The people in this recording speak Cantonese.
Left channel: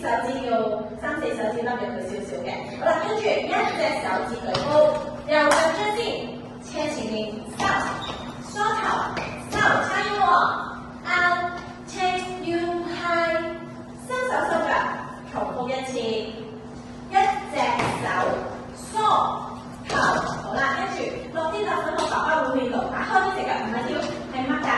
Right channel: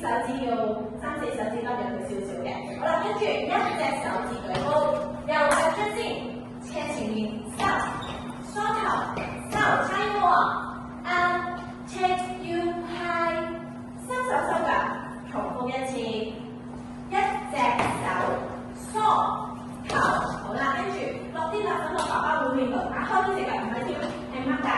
手指要3、4手指凹入去少少嘅。好啦，跟住一隻手指舉高，右腳將先，車前面收，梳頭收，加油喎 ！Out take you high， 伸手收腳，重複一次，一隻手梳頭，好啦，跟住落啲辣粉落爸爸碗面度，打開呢隻腳唔係跳，係擘大